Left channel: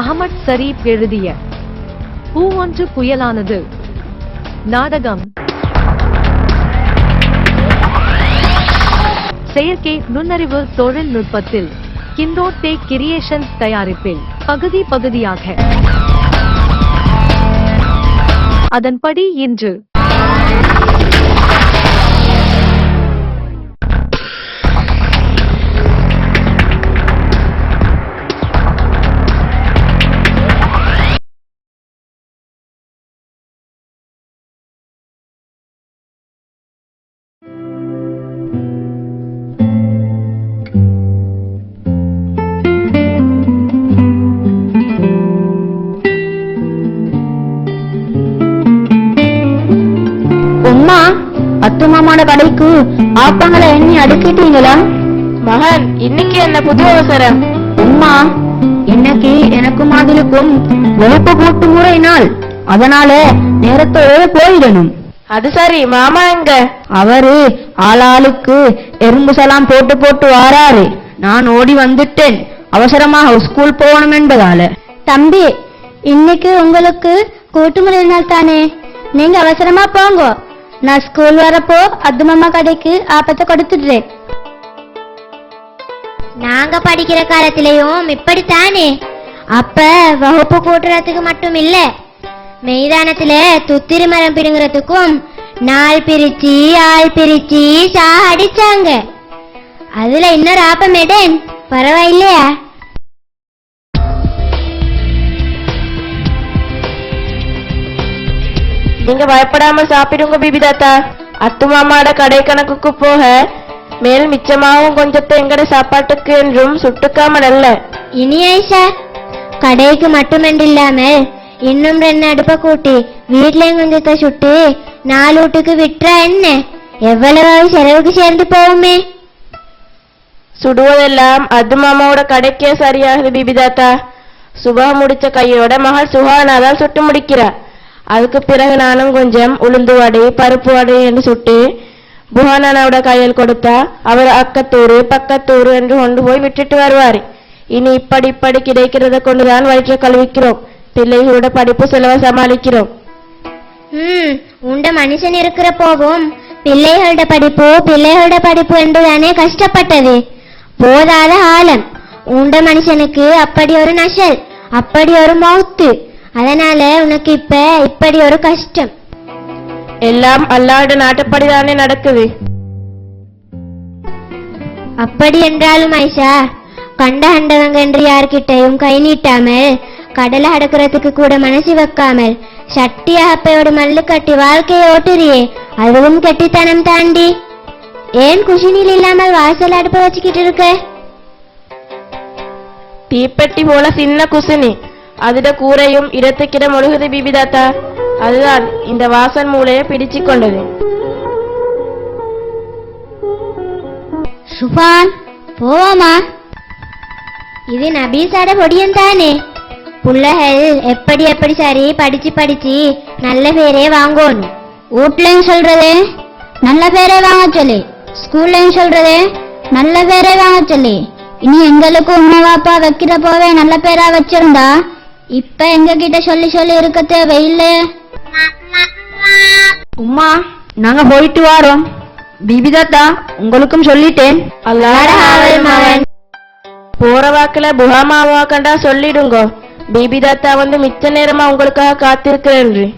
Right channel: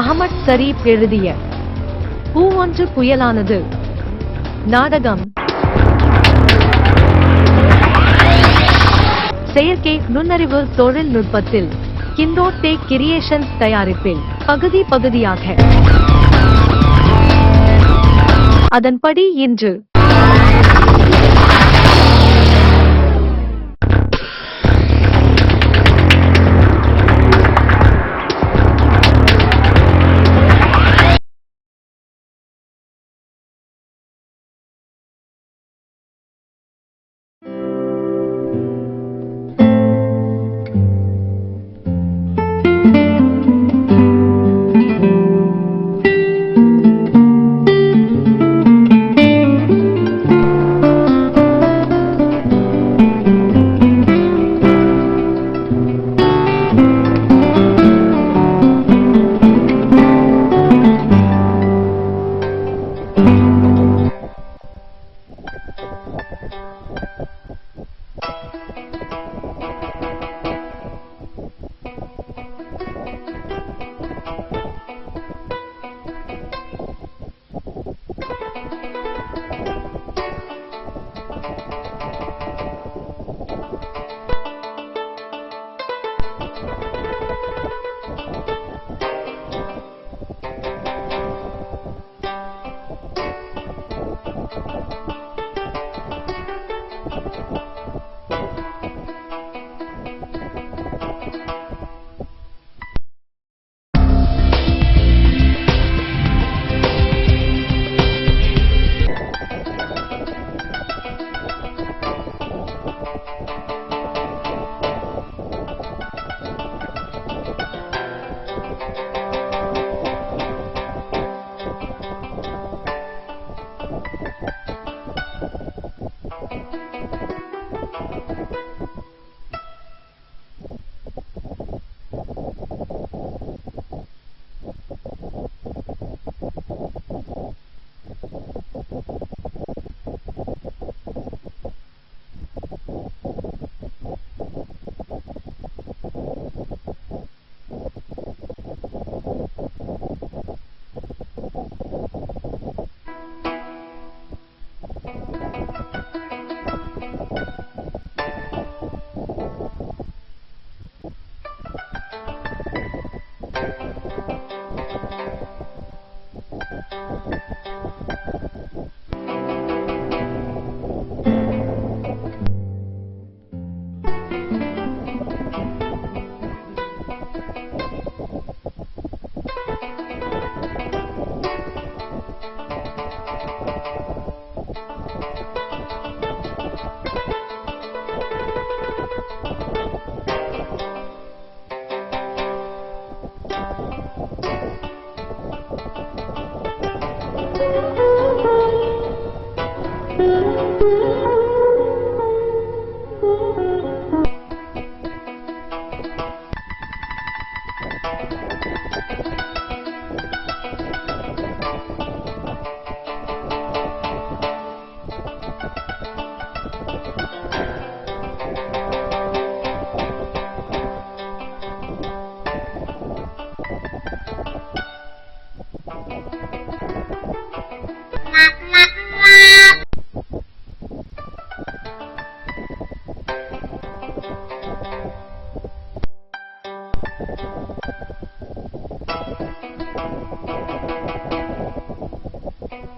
Ahmad Sharif எழுதிய பூவொன்று புயலானது நாடகம். செயற்கை நுண்ணறிவு தொழில்நுட்பத்தில் கிண்டோட்டே கிரியேஷன்ஸ் தயாரிப்பில் பகுதியாக. அதன்படி இன்று கடைக்கு ஆப்பங்களை எண்ணி அடுக்கிட்டீங்களா? மகன், இன்னைக்கு என்ன புது அவசரம்? அம்மா, இன்னைக்கு எனக்கு மாதிரிக்கும் வெளுப்பு போட்டு முறை நாள், அதனால நேரத்தோட போயிடணும். அது சரி, மாமா எங்க? அவரு ஆளாளுக்கு எறும்பு சலாம் போட்டு வாராரு. நான் ஓடி வந்துட்டேன், அவசரமாக ஸ்கூல் போகணும் என்பதால. தம்பி, இன்னைக்கு உங்களுக்கு கூட்டுமுறை நாள் தானே, நீங்க அவசரமா போங்க. நான் ஸ்கூல் வரப்போ அத்துமாமா கடைக்கு ஆப்பத்தை கொடுத்துடுறேன். நாங்க படிக்கிற காலத்திலையும் இப்படித்தானே. அப்ப வகுப்பு கூட்டுறதுக்கு மட்டும் இல்ல, மைதானத்துல துத்திரி மரம் பிடுங்குறதுக்கும் நாள் பிரிச்சு ஆள் பிரிச்சு அடிச்சாங்க. அதுல இன்னொரு ஆப்பமேடன் பரவாயில்லையா? நீங்க பயப்படாம சாப்பிடுங்க பிபி தாத்தா. அத்து மாமாட கடை கணக்குக்கு போக மேல் மிச்சமாகவும் கொஞ்சத்தை எங்கட சாப்பாட்டுக்கு என்றும் சுட்டுக்காமல் அல்ல. இனி ஐஷா, கடைக்கு மட்டுமன்றில்லாமல் இன்னும் 2 அடுப்ப கூட்டி வீட்லயும் கொஞ்சத்தை சுட்டு 4 வீட்டுக்கு விட்டுறா என்ன? எவ்வளவு செலவுக்கு சேர்ந்து போகுமே. சுடுவதெல்லாம் அது மாமாவோட கடைக்கே சரியாகுது பிபி தாத்தா. சுபா முடிச்ச கையோட மகள் சுகானாதான் சுட்டு முடிக்கிறா. அதுக்கு பிறகு நானும் கொஞ்சம் உளுந்து வடை பருப்பு வடை என்று சுட்டு புகானாவோட கையில் கொடுத்தா அவர் அக்கத்தூரு பக்கத்தூரு என்று கொண்டு போய் விட்டுட்டு வருவார். இனி இப்படி கிடைக்கிறத கொண்டுதான் வயிற்றை கழுவிக்கிறோம். பிள்ளைகளோட படிப்பு செலவை சமாளிக்கிறோம். உண்ட மனுஷன் இருக்கிற போகும் பிள்ளைகளோட படிப்பு என்றுதானே கஷ்டப்பட்டது. போதாத ஆழம் உண்ட மனுஷனுக்கு அப்படி ஒரு நஷல், அப்படி ஒரு மௌத்து. அதனால உனக்கு இப்படி ஒரு கஷ்டம். எல்லாம் அல்லாட நாட்டுப்படிதானே நடக்குது. அப்படி என்றாலும் ஐஷா, கண்டவங்க என்று யார்கிட்டையும் கை நீட்டாமல், கடலை அடக்கிறதுக்கு கூட மனசு வைக்காமல் சட்டி அகப்பையோடு மல்லு கட்டி வாழ்க்கையை ஓட்டுறியே, அதுவும் கெட்டித்தனம் தாண்டி. ஏன் குஷினில் இல்லாமல் வாசல் அடுப்ப வச்சுக்கிட்டு இருக்க? தீப்பெட்டி போல சின்ன குசினி, அதுட கூரையும் இடத்துக்கிட முழுகுது பிபி தாத்தா. அதுதான் இந்த வாசன் மூளையை பிடிச்சு கொண்டது. சுபான், போவோமா? இது நபீசாட பொடியும் தானே. புள்ளகள் எப்படி சரி படிச்சு நல்ல பேரே வாங்கணும். வீட்லயும் சொல்றதே நல்ல பேரே வாங்க சொல்லி, ஸ்கூல்லையும் சொல்றதே நல்ல பேரே வாங்க சொல்லி. இனி எங்களுக்கு உமா பாப்பா வைக்கிற போவே நல்ல பேரா வச்சிருந்தா இப்ப எங்க கிட்ட சொல்லி இருக்க தேவையில்லை. உம்மா, நாங்க போயிட்டு வாரோம். பிபி தாத்தா, உங்களுக்கும் சொல்லிட்டேன். போற வாக்குல புகாமாவா கண்டா சொல்லிடுங்கோ. பிபி தாத்தா வந்து மிச்ச நேரமா உங்களுக்காக காத்திருக்கிறேன்.